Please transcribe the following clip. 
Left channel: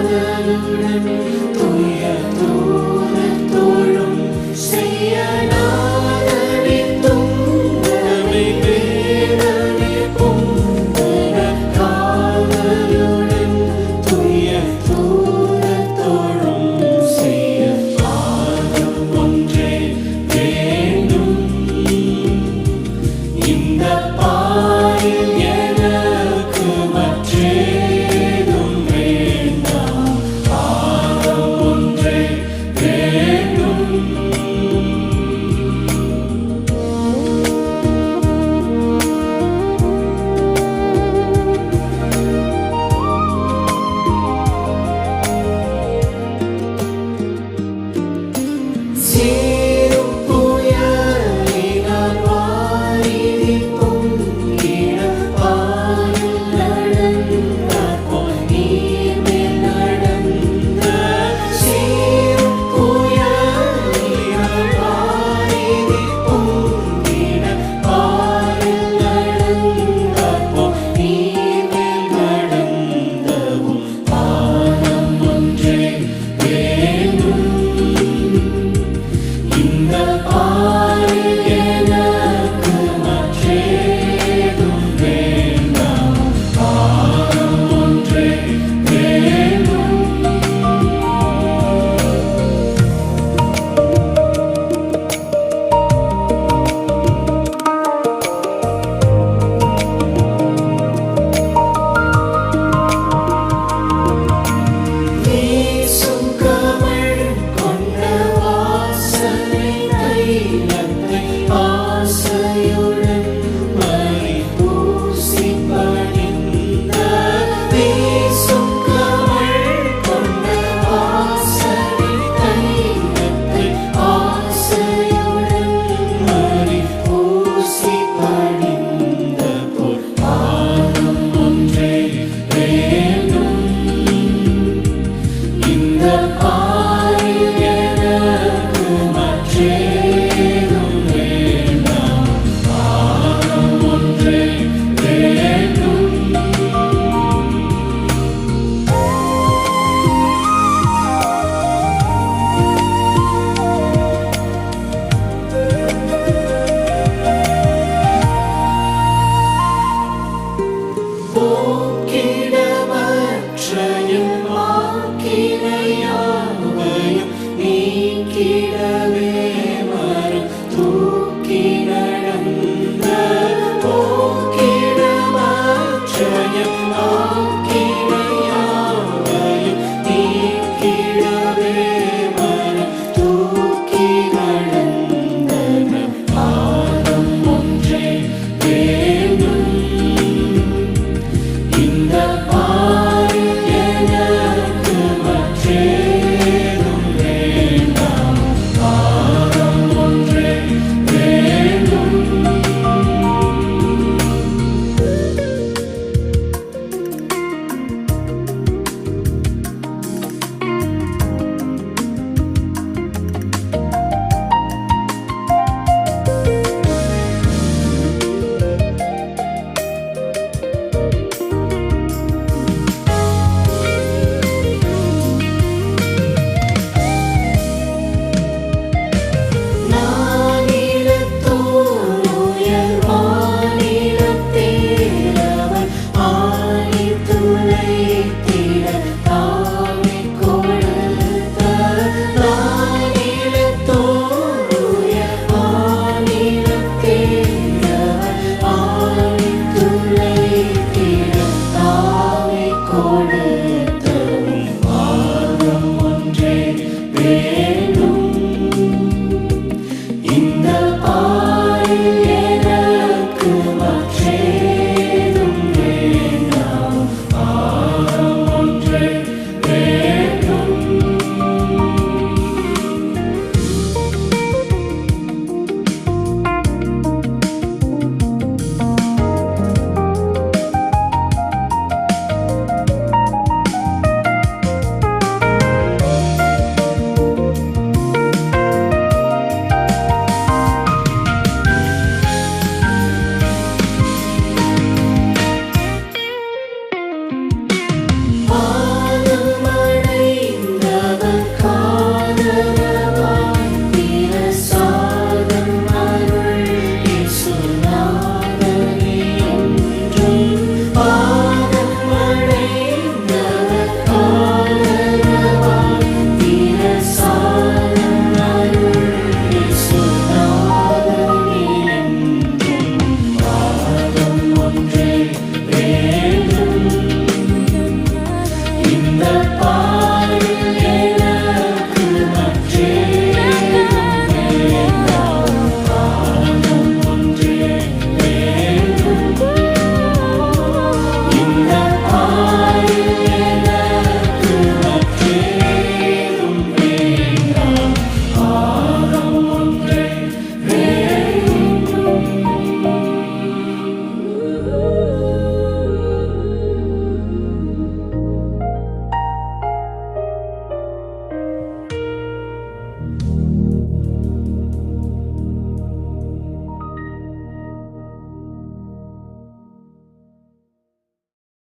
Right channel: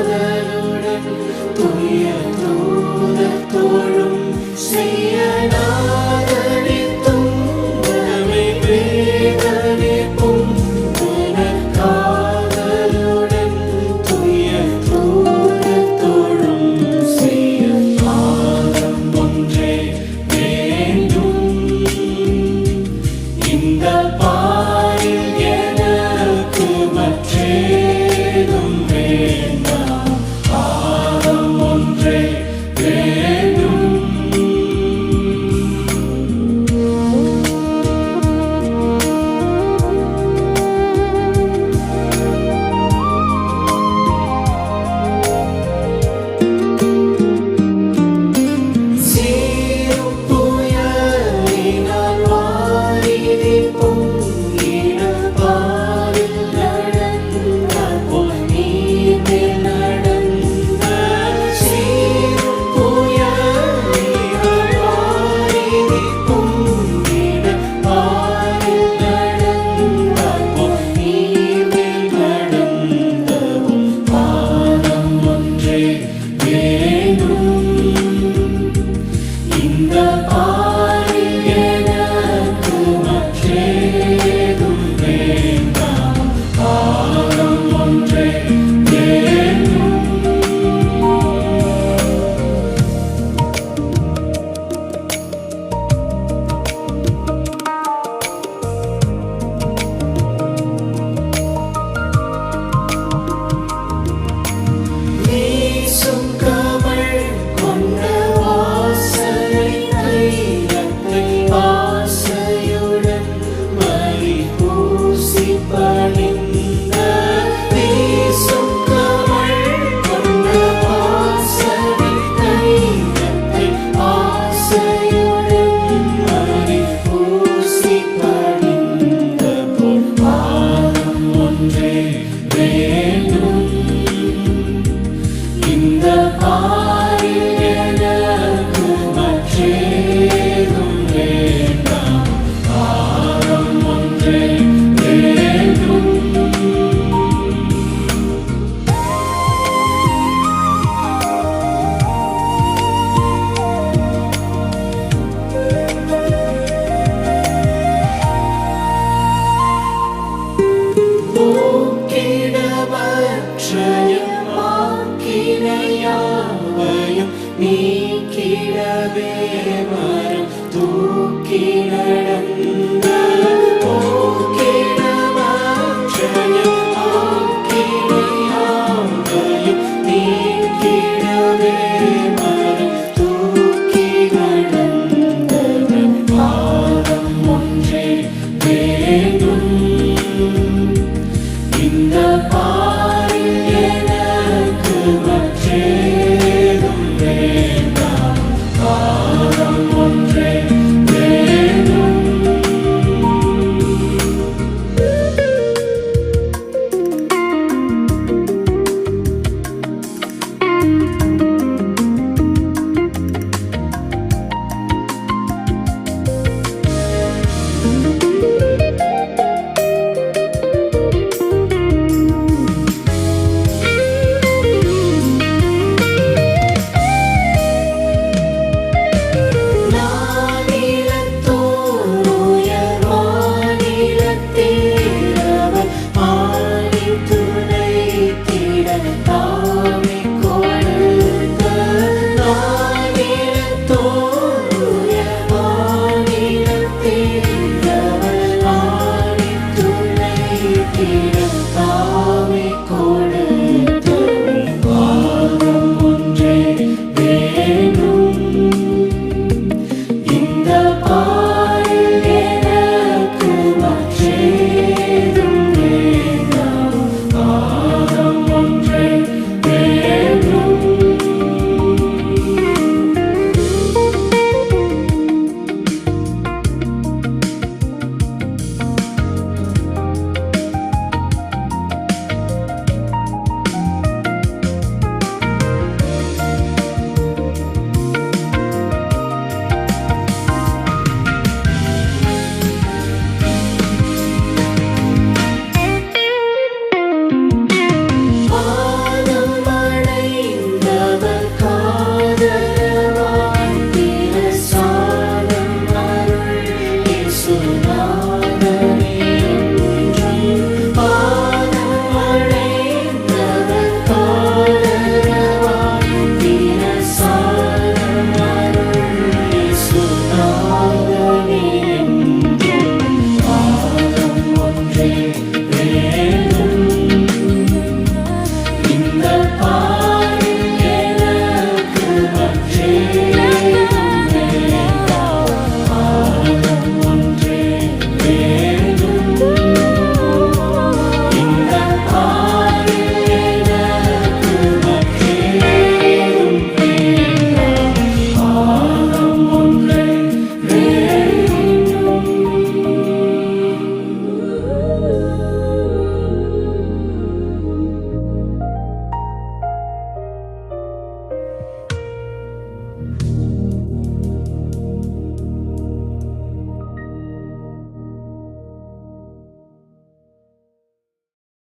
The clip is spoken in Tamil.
காதலுடன் துய தூரத்தோடும் செய்ய நாதனித்தும் நம்மை வேதனைக்கும் காதலுடன் துய தூரத்தோடும் செய்ய பாதம் ஒன்றே வேண்டும். இந்த பாரில் எனக்கு மற்றேதும் வேண்டாம், பாதம் ஒன்றே வேண்டும். சீரும் புயலினால் வாரிதி பொங்கிட பாரில் நடந்தார் போல் நீர்மேல் நடந்த. சீரும் புயலினால் வாரிதி பொங்கிட பாரில் நடந்தார் போல் நீர்மேல் நடந்தவும் பாதம் ஒன்றே வேண்டும். இந்த பாரில் எனக்கு மற்றேதும் வேண்டாம், பாதம் ஒன்றே வேண்டும். வீசும் கமழ் கொண்ட வாசனை தைலத்தை ஆசையுடன் பறிபூசி பணிந்த. வீசும் கமழ் கொண்ட வாசனை தைலத்தை ஆசையுடன் பறிபூசி பணிந்த போல் பாதம் ஒன்றே வேண்டும். இந்த